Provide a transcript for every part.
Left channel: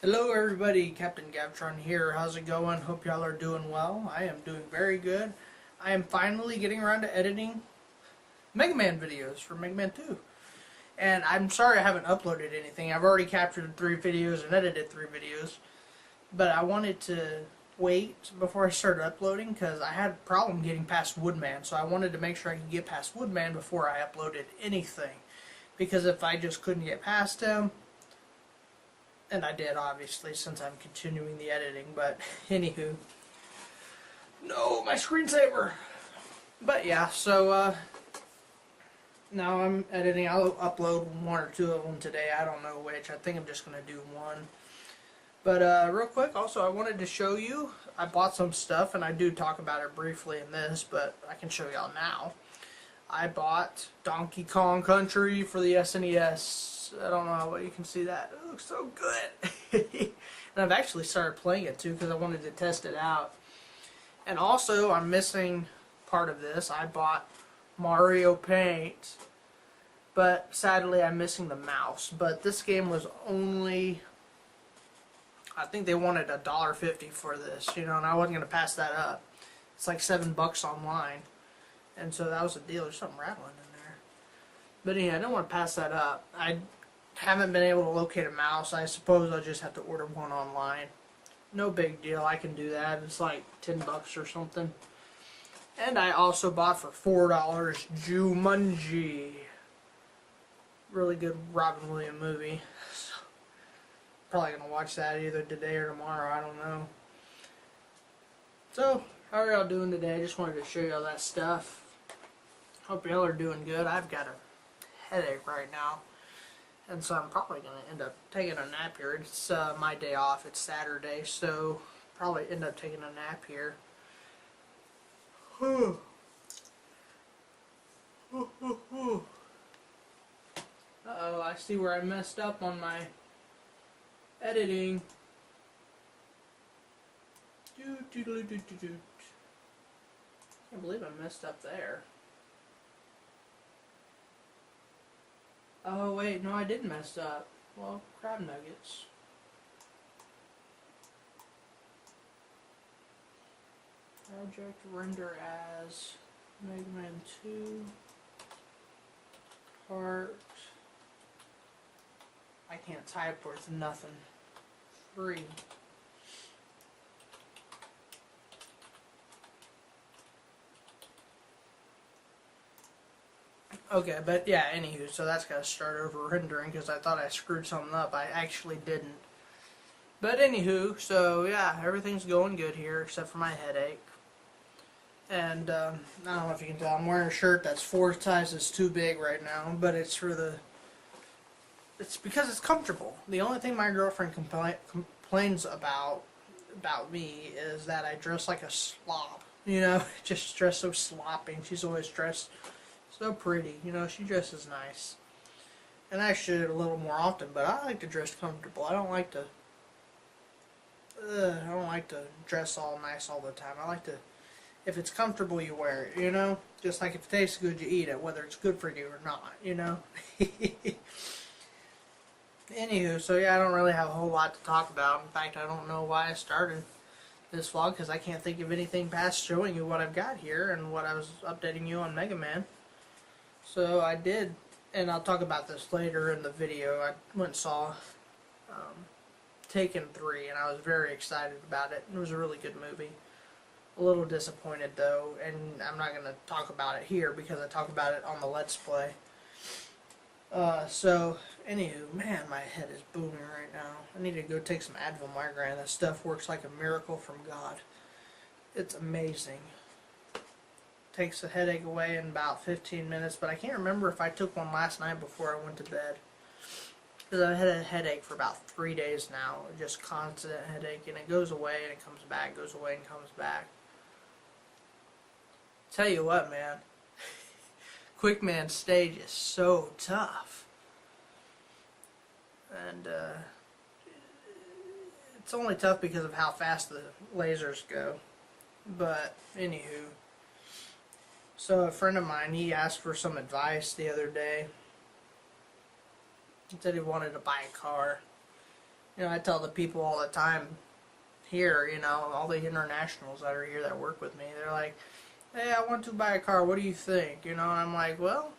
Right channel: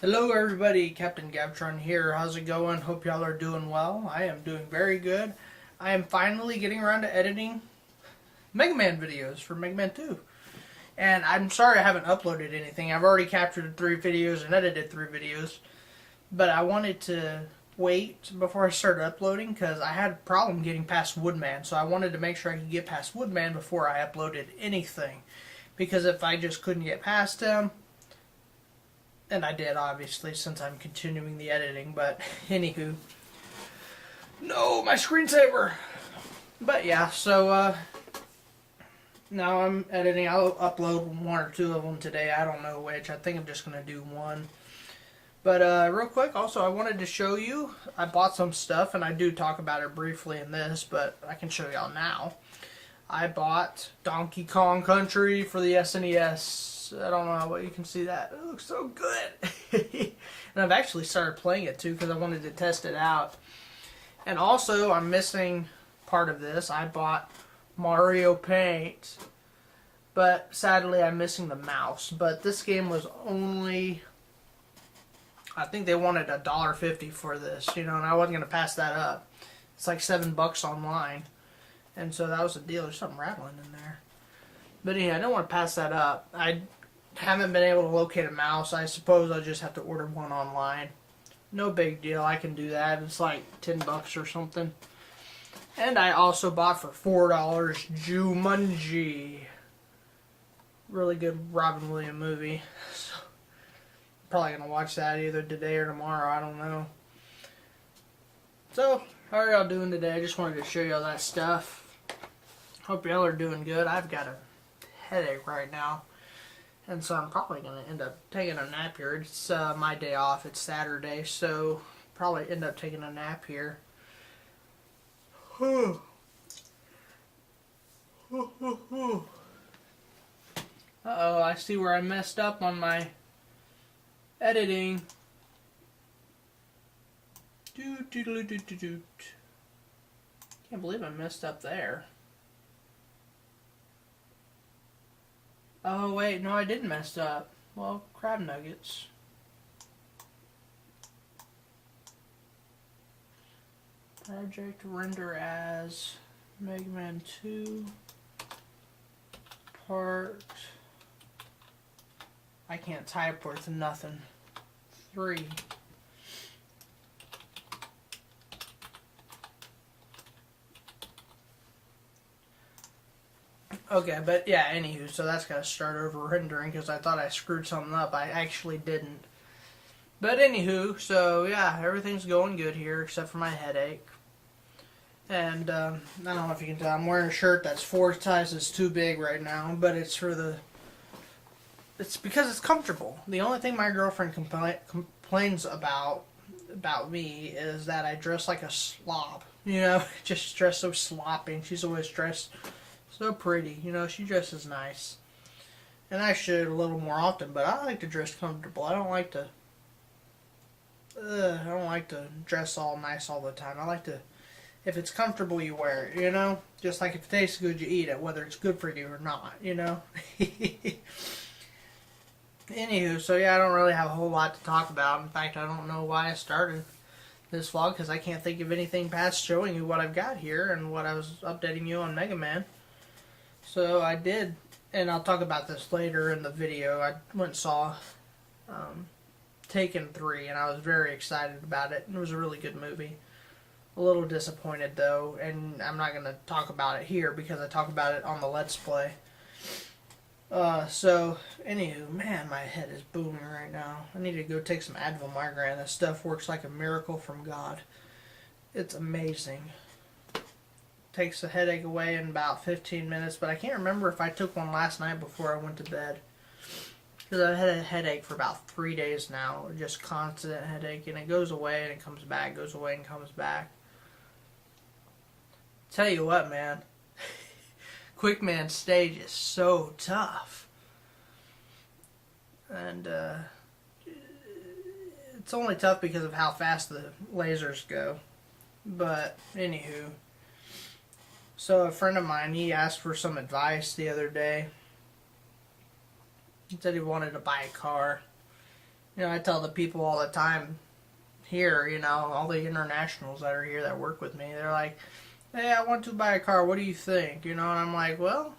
Hello everybody, Captain Gavtron here. How's it going? Hope y'all are doing well. I am doing very good. I am finally getting around to editing Mega Man videos for Mega Man 2. And I'm sorry I haven't uploaded anything. I've already captured 3 videos and edited 3 videos. But I wanted to wait before I started uploading because I had a problem getting past Woodman. So I wanted to make sure I could get past Woodman before I uploaded anything. Because if I just couldn't get past him, and I did, obviously, since I'm continuing the editing, but anywho. No, my screensaver! But yeah, so, now I'm editing. I'll upload 1 or 2 of them today. I don't know which. I think I'm just going to do 1. But, real quick, also, I wanted to show you, I bought some stuff, and I do talk about it briefly in this, but I can show y'all now. I bought Donkey Kong Country for the SNES. I don't know what you can see that. It looks so good. And I've actually started playing it too because I wanted to test it out. And also, I'm missing part of this. I bought Mario Paint, but sadly I'm missing the mouse. But this game was only, I think they wanted $1.50 for this, and I wasn't going to pass that up. It's like $7 online. And so that was a deal. There's something rattling in there. But anyway, I don't want to pass that up. I haven't been able to locate a mouse. I suppose I'll just have to order one online. No big deal. I can do that. It's like $10 or something. And I also bought for $4 Jumanji. Really good Robin Williams movie. So, probably going to watch that either today or tomorrow. I don't know. So, how are y'all doing today? I just wanted to show y'all that stuff. Hope y'all are doing good. I've got a headache right now, and so I'm probably going to end up taking a nap here. It's my day off. It's Saturday, so probably end up taking a nap here. Uh-oh, I see where I messed up on my editing. Can't believe I messed up there. Oh wait, no, I didn't mess up. Well, crab nuggets. Project render as Mega Man 2 part. I can't type worth nothing. 3. Okay, but yeah, anywho, so that's got to start over rendering because I thought I screwed something up. I actually didn't. But anywho, so yeah, everything's going good here except for my headache. And I don't know if you can tell, I'm wearing a shirt that's 4 sizes too big right now, but it's because it's comfortable. The only thing my girlfriend complains about me is that I dress like a slob. Just dress so sloppy, and she's always dressed so pretty. She dresses nice. And I should a little more often, but I like to dress comfortable. I don't like to dress all nice all the time. I like to, if it's comfortable, you wear it, Just like if it tastes good, you eat it, whether it's good for you or not, Anywho, so yeah, I don't really have a whole lot to talk about. In fact, I don't know why I started this vlog, because I can't think of anything past showing you what I've got here and what I was updating you on Mega Man. So I did, and I'll talk about this later in the video. I went and saw Taken 3, and I was very excited about it. It was a really good movie. A little disappointed though, and I'm not going to talk about it here because I talk about it on the Let's Play. So, anywho, man, my head is booming right now. I need to go take some Advil Migraine. That stuff works like a miracle from God. It's amazing. Takes the headache away in about 15 minutes, but I can't remember if I took one last night before I went to bed. Because I've had a headache for about 3 days now, just constant headache, and it goes away and it comes back, goes away and comes back. Tell you what, man, Quickman stage is so tough. And it's only tough because of how fast the lasers go. But, anywho. So a friend of mine, he asked for some advice the other day. He said he wanted to buy a car. I tell the people all the time here, all the internationals that are here that work with me, they're like, hey, I want to buy a car. What do you think? And I'm like, well,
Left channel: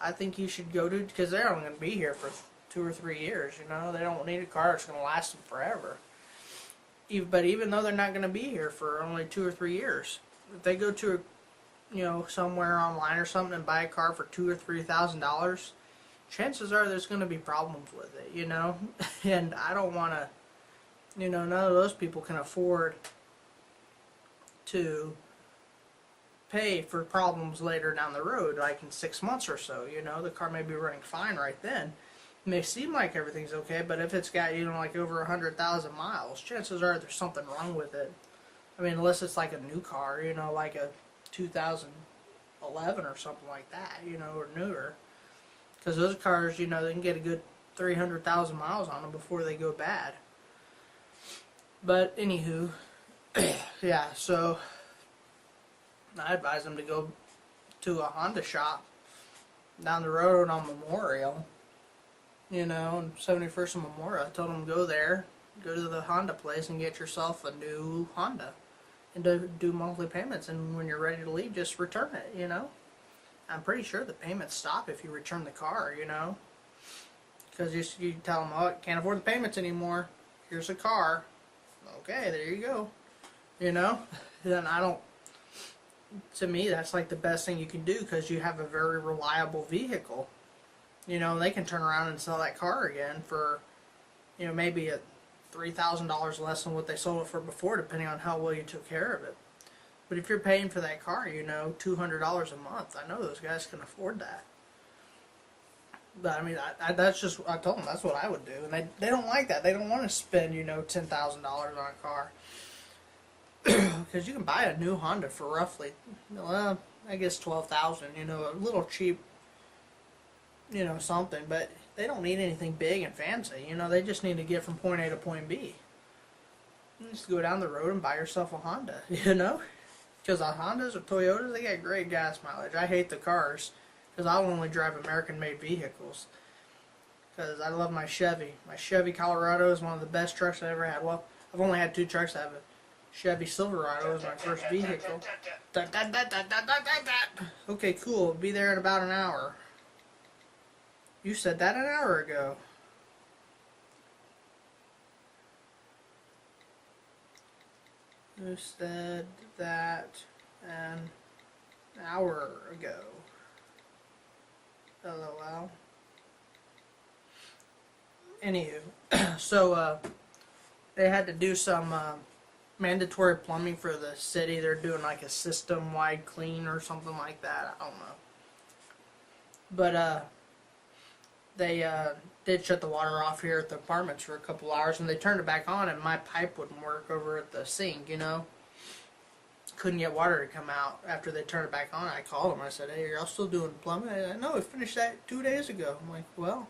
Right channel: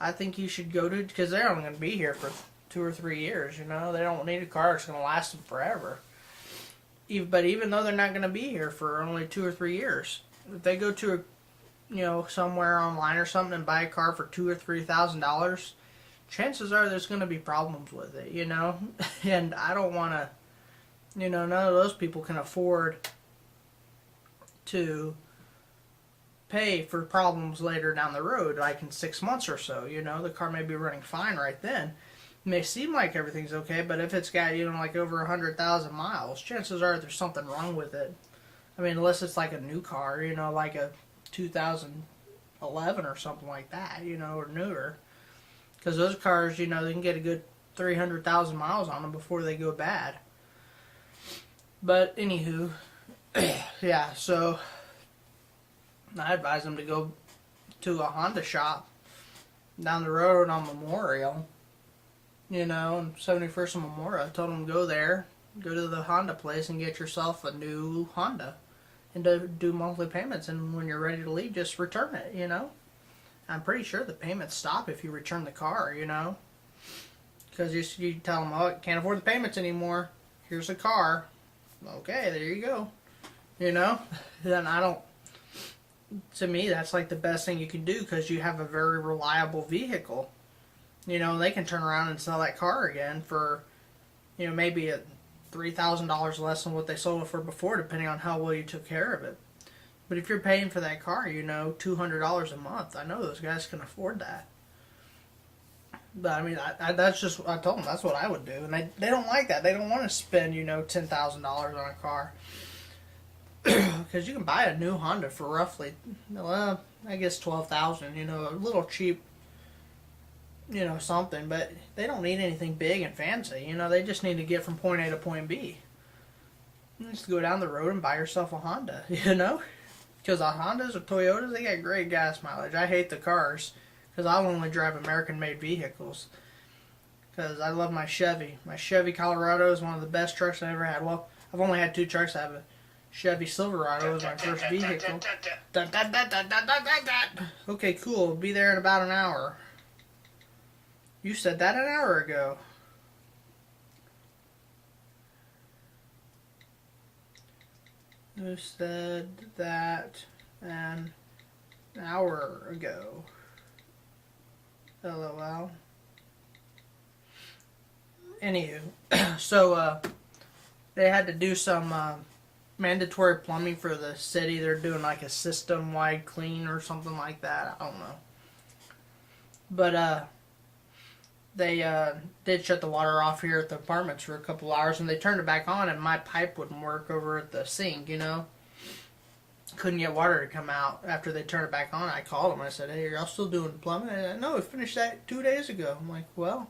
I think you should go to, because they're only going to be here for 2 or 3 years, They don't need a car that's going to last them forever. But even though they're not going to be here for only 2 or 3 years, if they go to somewhere online or something and buy a car for $2,000 or $3,000, chances are there's going to be problems with it, And I don't want to, none of those people can afford to pay for problems later down the road, like in 6 months or so. The car may be running fine right then. It may seem like everything's okay, but if it's got, like over 100,000 miles, chances are there's something wrong with it. I mean, unless it's like a new car, like a 2011 or something like that, or newer. Because those cars, they can get a good 300,000 miles on them before they go bad. But anywho, yeah, so I advise them to go to a Honda shop down the road on Memorial, and 71st and Memorial. I told them to go there, go to the Honda place and get yourself a new Honda and to do monthly payments. And when you're ready to leave, just return it, I'm pretty sure the payments stop if you return the car, because you tell them, oh, I can't afford the payments anymore. Here's a car. Okay, there you go. Then I don't. To me, that's like the best thing you can do, because you have a very reliable vehicle. They can turn around and sell that car again for, maybe at $3,000 less than what they sold it for before, depending on how well you took care of it. But if you're paying for that car, $200 a month, I know those guys can afford that. But I mean, that's just, I told them that's what I would do, and they don't like that. They don't want to spend, $10,000 on a car. Because you can buy a new Honda for roughly, well, I guess $12,000. A little cheap, something. But they don't need anything big and fancy. They just need to get from point A to point B. You just go down the road and buy yourself a Honda. Because Hondas or Toyotas, they got great gas mileage. I hate the cars, because I'll only drive American-made vehicles. Because I love my Chevy. My Chevy Colorado is one of the best trucks I ever had. Well, I've only had 2 trucks. I have a Chevy Silverado was my first vehicle. Okay, cool. Be there in about an hour. You said that an hour ago. You said that an hour ago. LOL. Anywho, so they had to do some mandatory plumbing for the city. They're doing like a system-wide clean or something like that. I don't know. But they did shut the water off here at the apartments for a couple hours, and they turned it back on, and my pipe wouldn't work over at the sink, Couldn't get water to come out after they turned it back on. I called them. I said, hey, are y'all still doing plumbing? And I know, we finished that 2 days ago. I'm like, well,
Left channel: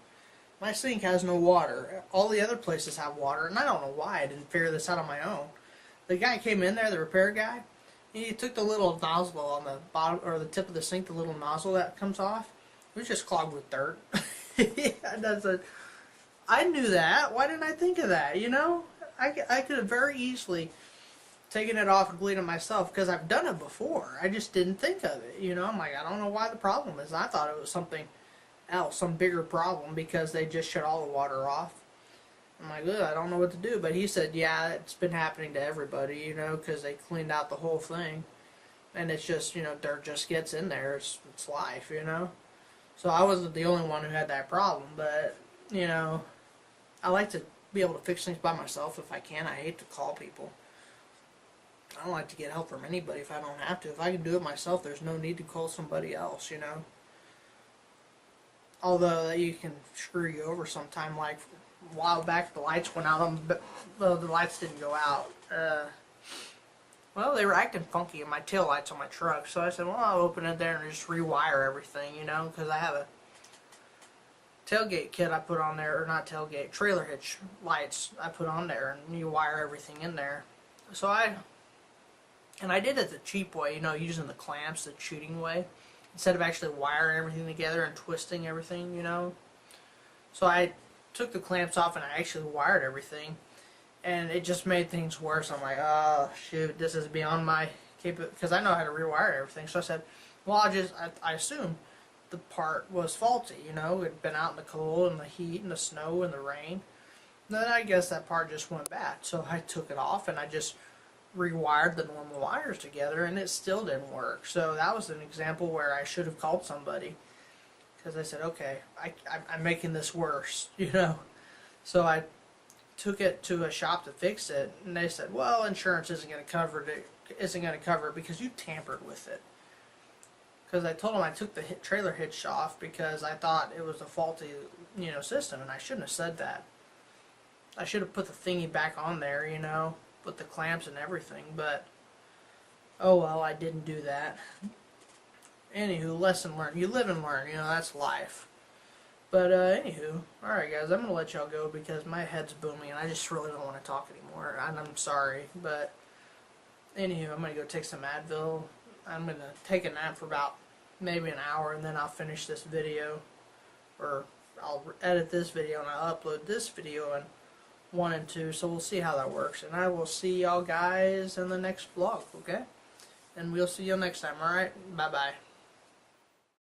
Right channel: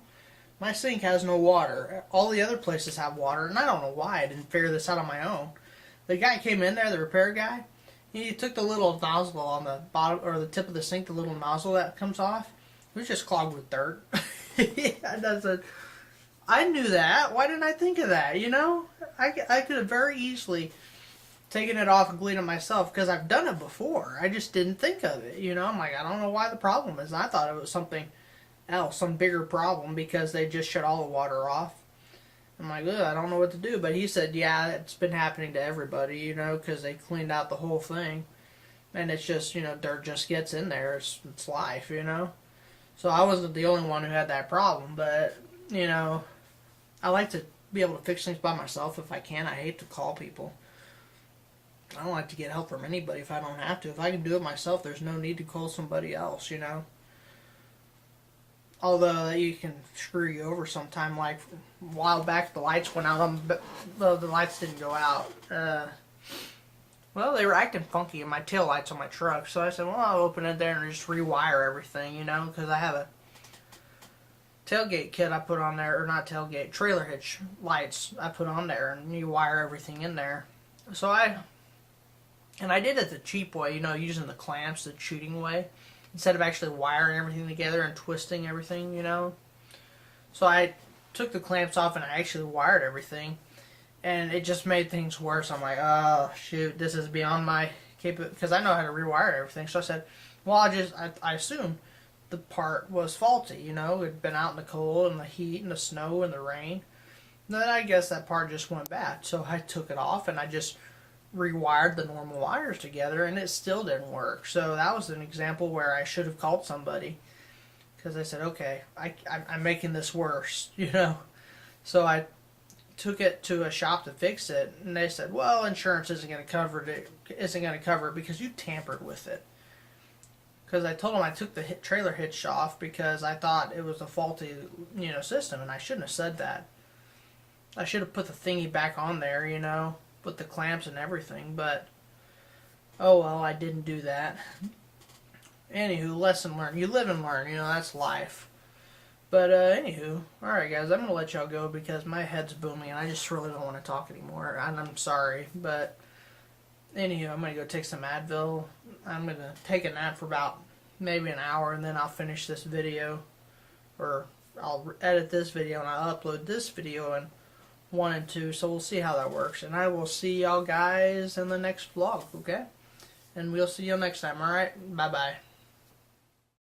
my sink has no water. All the other places have water, and I don't know why I didn't figure this out on my own. The guy came in there, the repair guy, he took the little nozzle on the bottom, or the tip of the sink, the little nozzle that comes off. It was just clogged with dirt. I knew that. Why didn't I think of that, I could have very easily taken it off and cleaned it myself, because I've done it before. I just didn't think of it, I'm like, I don't know why the problem is. I thought it was something else, some bigger problem, because they just shut all the water off. I'm like, ugh, I don't know what to do. But he said, yeah, it's been happening to everybody, because they cleaned out the whole thing. And it's just, dirt just gets in there. It's life, So I wasn't the only one who had that problem. But, I like to be able to fix things by myself if I can. I hate to call people. I don't like to get help from anybody if I don't have to. If I can do it myself, there's no need to call somebody else, Although you can screw you over sometime. Like a while back, the lights went out on, well, the lights didn't go out. Well, they were acting funky in my tail lights on my truck. So I said, well, I'll open it there and just rewire everything, because I have a tailgate kit I put on there, or not tailgate, trailer hitch lights I put on there, and you wire everything in there. So I did it the cheap way, using the clamps, the cheating way, instead of actually wiring everything together and twisting everything, So I took the clamps off and I actually wired everything, and it just made things worse. I'm like, oh shoot, this is beyond my capability, because I know how to rewire everything. So I said, well, I assumed the part was faulty. You know, it'd been out in the cold and the heat and the snow and the rain. Then I guess that part just went bad. So I took it off and I just rewired the normal wires together, and it still didn't work. So that was an example where I should have called somebody, because I said, okay, I'm making this worse, you know. So I took it to a shop to fix it, and they said, well, insurance isn't going to cover it because you tampered with it. Because I told them I took the trailer hitch off because I thought it was a faulty, you know, system, and I shouldn't have said that. I should have put the thingy back on there, you know, with the clamps and everything, but oh well, I didn't do that. Anywho, lesson learned. You live and learn, you know, that's life. But anywho, alright guys, I'm going to let y'all go because my head's booming and I just really don't want to talk anymore, and I'm sorry, but anywho, I'm going to go take some Advil. I'm going to take a nap for about maybe an hour, and then I'll finish this video, or I'll edit this video and I'll upload this video in 1 and 2, so we'll see how that works, and I will see y'all guys in the next vlog, okay? And we'll see you next time, alright? Bye bye.